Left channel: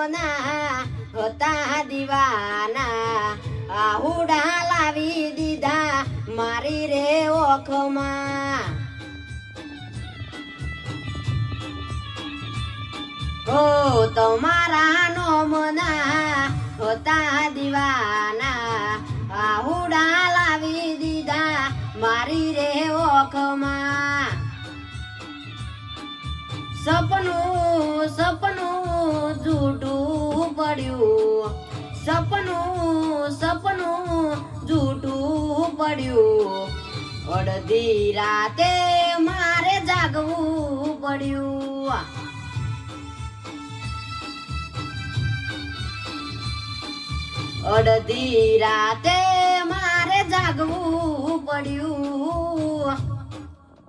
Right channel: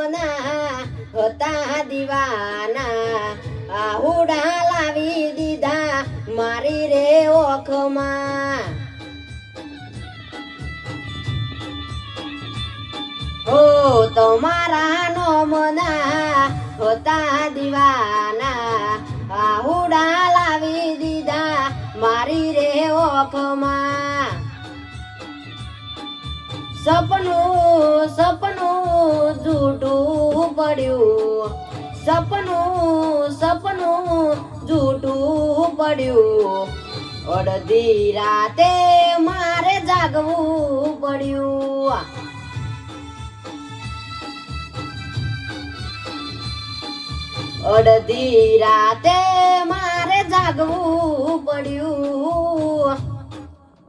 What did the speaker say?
મોના હતા દીવાના આહુડા લાવી દીધા મારી રે ઓખમાં ઓ તમારા નોમના હતા દીવાના આહુડા લાવી દીધા મારી રે ઓખમાં સપનું સપનું જૂઠું પડ્યું સપનું જૂઠું પડ્યું અડધી રાતે મારે જાગવું પડ્યું અડધી રાતે મારે જાગવું પડ્યું